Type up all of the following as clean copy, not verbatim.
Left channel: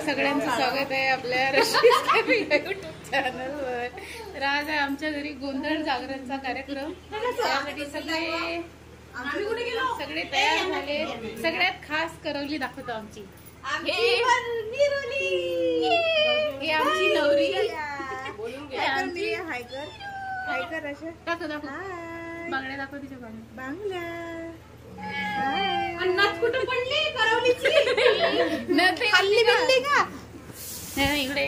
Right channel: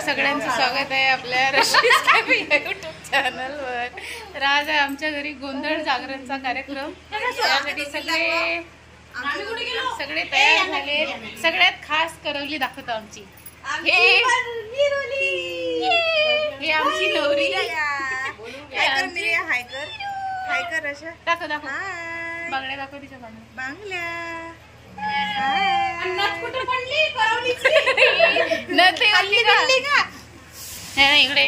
सगळ्यांचं स्वागत आहे आपल्या रश्मीज कॅफे यूट्यूब चॅनलवर। तर आज आहे आमच्या घरी गोंधळ जागरणचा कार्यक्रम। त्यासाठी सगळे तयार झाले। सगळ्यात खास करवली दाखवतो आमची। हे आमची नवरी हायकर अशा दाखव दाखव बांगड्या दाखव तिच्या बांगड्या इकडे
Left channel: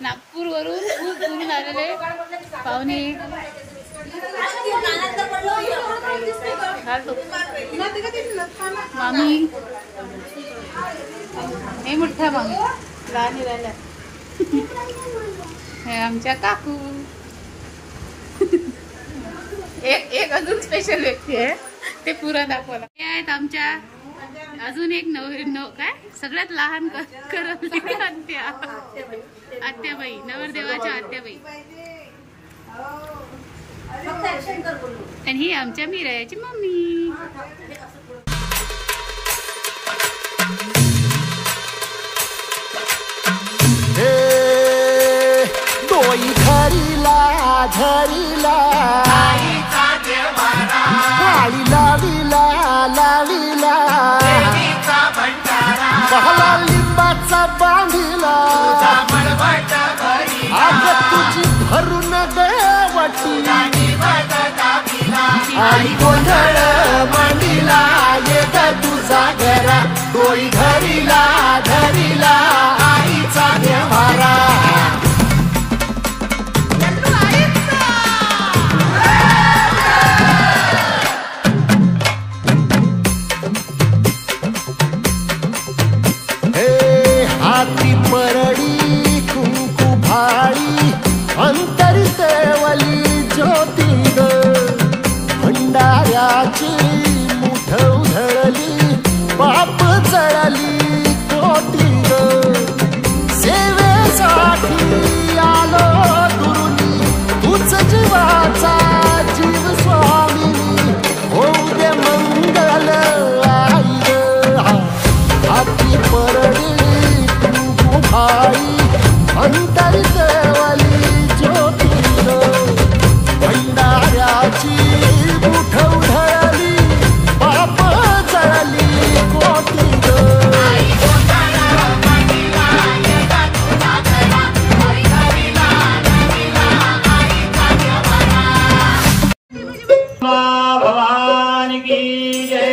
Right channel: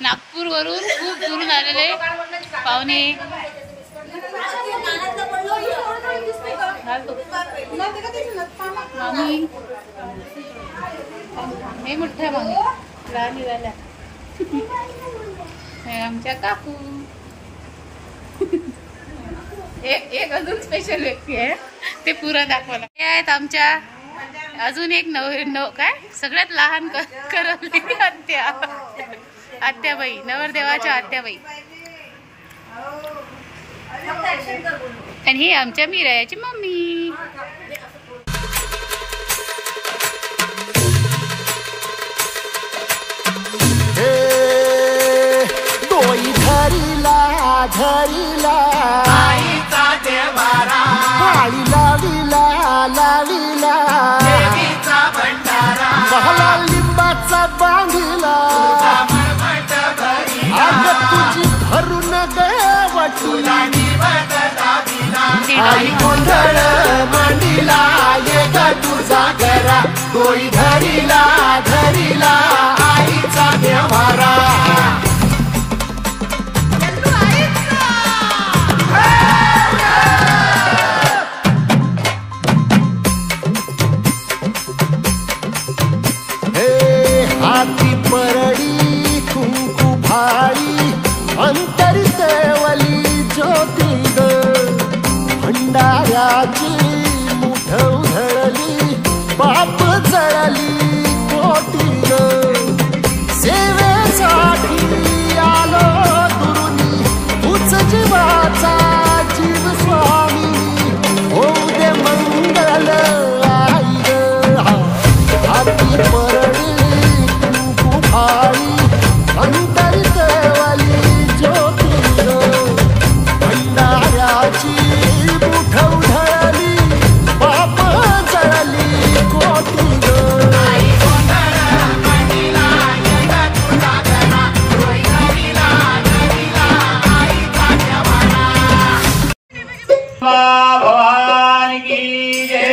नागपूर वरून खूप दूरून आलेले पाहुणे। मामी नाही मोठ्या मामी लहान निघाल्या। हे आमच्या काकू। एक अजून स्पेशल व्यक्ती आहे ते पुरा दाखवला। हे आहेत आमच्या अजून एक काय सगळ्यात लहान करवली आत्याबाई नवरदेवाच्या आत्याबाई। आणि ही आमच्या मीराची मम्मी। डोई धरीला धरीला पाळी लावीला लावीला बहला लिंबाचा बांधिला आग तुझी भरून गवटी आई गोंधळ मांडीला ये ग तुझा घरा डोई धरीला धरीला आईचा देवारा। हाती परडी कुंकू भाळी अंतरितवली ज्योती ग भंडाऱ्याची मुठ उधळली पाप जळली कोटी ग सेवेसाठी आलो दुरुनी तूच जीवाचा जीव स्वामिनी होऊ दे मंगल आई ग। हाती परडी भाई अंतरितवली ज्योती ग भंडाऱ्याची मुठ उधळली पाप जळली कोटी ग। भवानी की जय।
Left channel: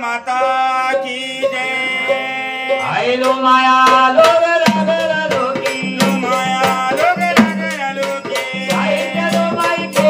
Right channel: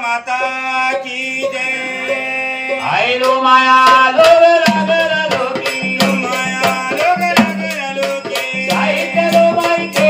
माता की जय। आई लो माया लोग लागला लोकी माया लोग लागला लोकी आई लो माई के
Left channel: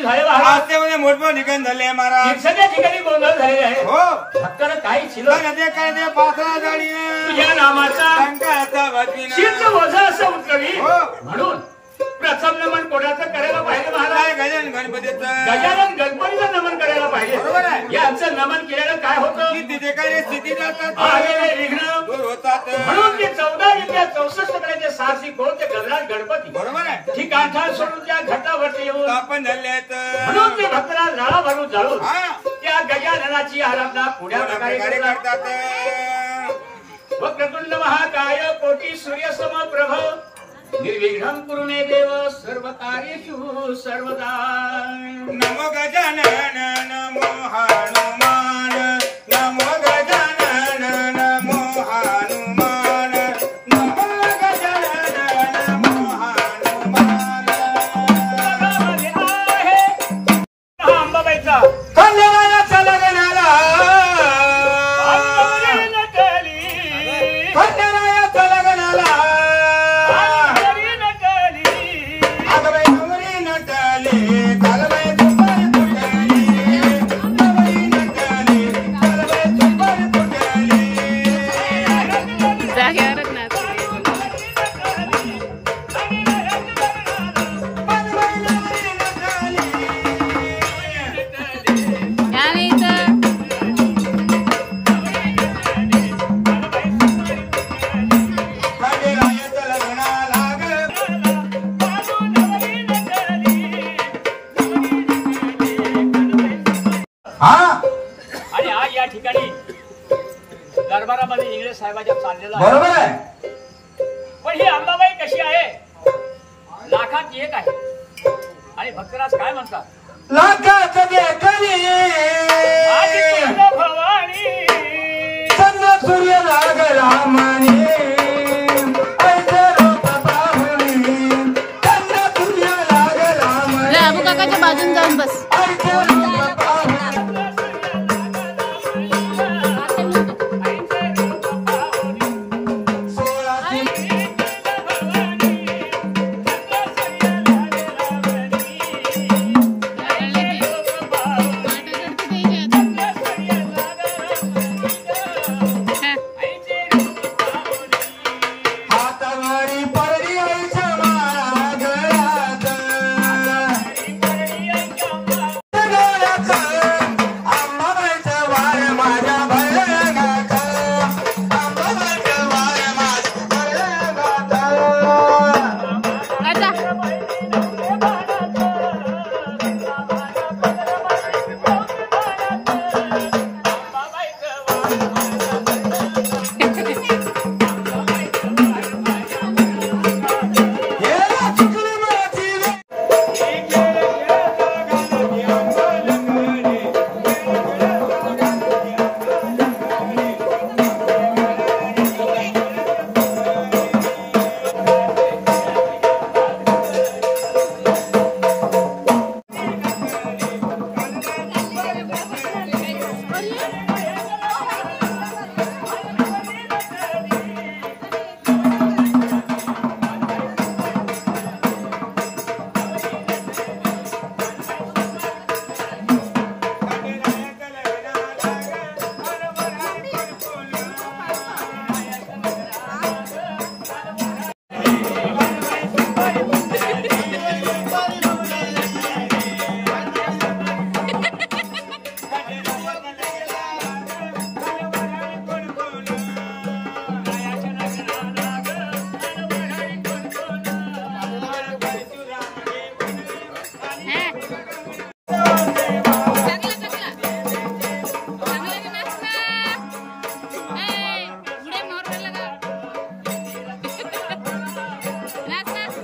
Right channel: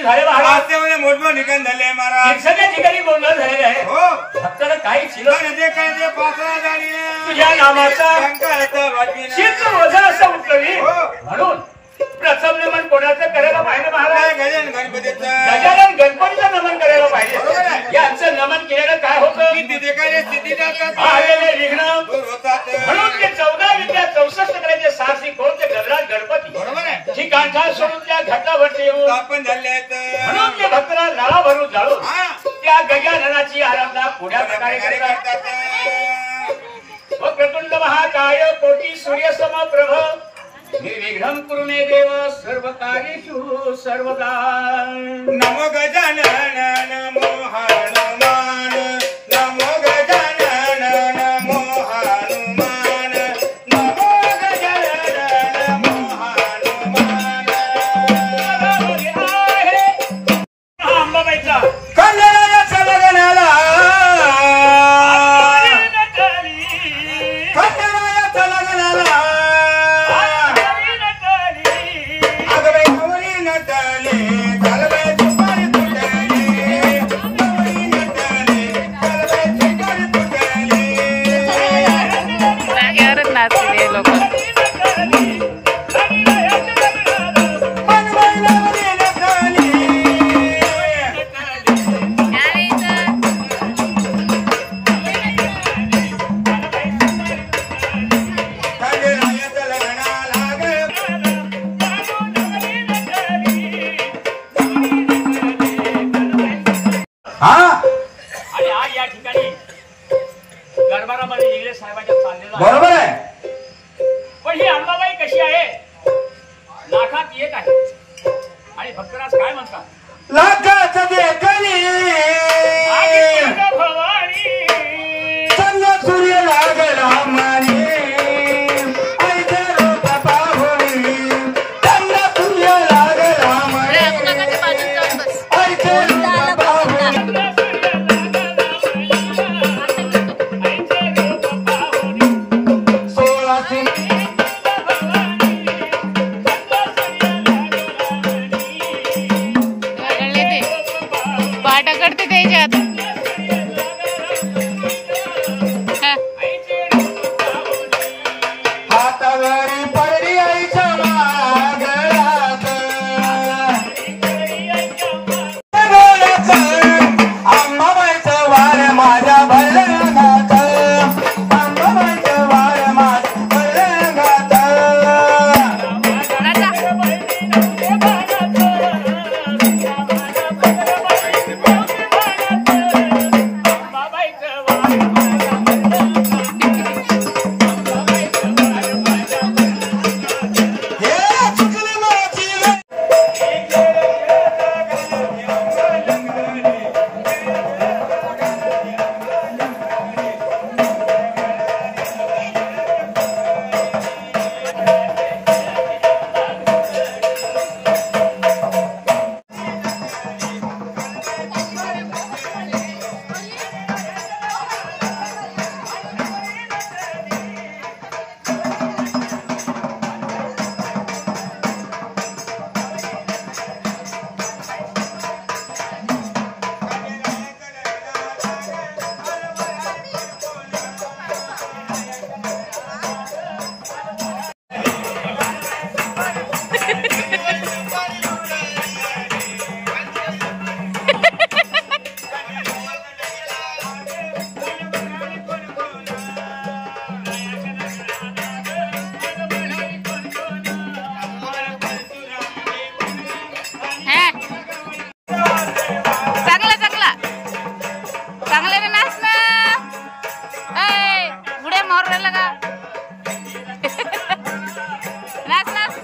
तुम्ही झाले महाराज. वास्तव्याने मोठमोठे ठिकाण झाले महाराज. सगळ्या ठिकाणी गोंधळ झालेला आहे. हो भक्ताला काही शिल्लक नदे काय ते पाखरा गाडीने तुझ्या नामाचा शंकराचं वाचीनं. चित्र ओझा असं उठलवी. हो. म्हणून प्रथम नमन कोणाचं करायला पाहिजे महाराज. गजानन गणपतीचं गजानन गणपतीचं नमन करायला बरोबर पाहिजे. आहे. यांचं नमन केलेलं काय होतं. की तिथे काय स्थिती जातात आलेले विघ्न दूर होतात. म्हणून ते 14 विद्या 64 करायचे सारसी कोण ते गजराज गणपती बरोबर आहे. ही गांठा सोडून त्या घाटावरती येऊन स्थापन झाले आहेत. म्हणून ते भक्ताला लाळा भरून जाळून हा त्या गजाननाची आराधना पुढ्या प्रकारे प्रकारे करतात. करतात. व प्रचंड महाकाय कोटी सूर्यसम प्रभ निर्विघ्नं कुरु मे देव सर्व कार्येषु सर्वदा. नमो गजानन नमो हनुमान नमो गजानन नमो हनुमान नमो गजानन नमो हनुमान. अंबाबाईचा खंडरायाचा लग्नाला खंडरायाचा लग्नाला आगबाई गौरी नटले घालबाई दुपारी तुटले गौरी नटले घालबाई दुपारी तुटले. जागेवरच नाचले लोक. आगबाई गौरी नटले आणि इथं खंडरायाचा लग्नाला हा आणि आज या ठिकाणी दरबारामध्ये इंगळे साहेबाच्या चाललेला आहे. बरोबर आहे. पण ही अंबाबाई कशी आहे. लाखात एक आहे आणि भक्तराज काय म्हणतात. लाखाचं देखणी आधी तुझं भवानी चंद्र सूर्य लागला माने ऐके रूप पाहुणी चंद्र सूर्य लागला माने अबू काकाच्या बाजून जाऊन बस. ऐके रूप पाहुणी. सोळाशे कळले ते पाटा करते त्याच्यात. हा. हातावरी पडली आईच्या माळा गळ्यात. गळ्यात अंबाबाईचं वार माझ्या भरण्यात. अंबाबाईचं वार माझ्या भरण्यात. नाचा. हे चिकनी माची रे. हा. चांगला चांगला चांगल्याने नाच ना. उड्या मारू राहिला का. नाच नाच.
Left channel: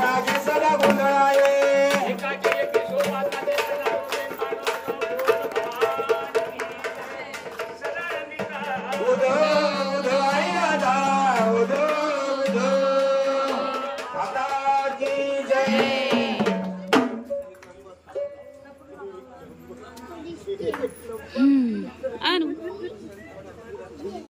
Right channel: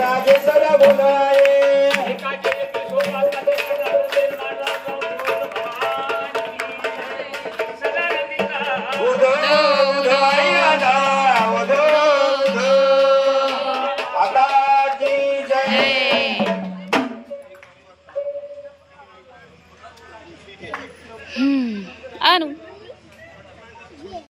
राजे सदा गोंधळाये. उदो उदो आईला उदो उदो माता की जय. आणू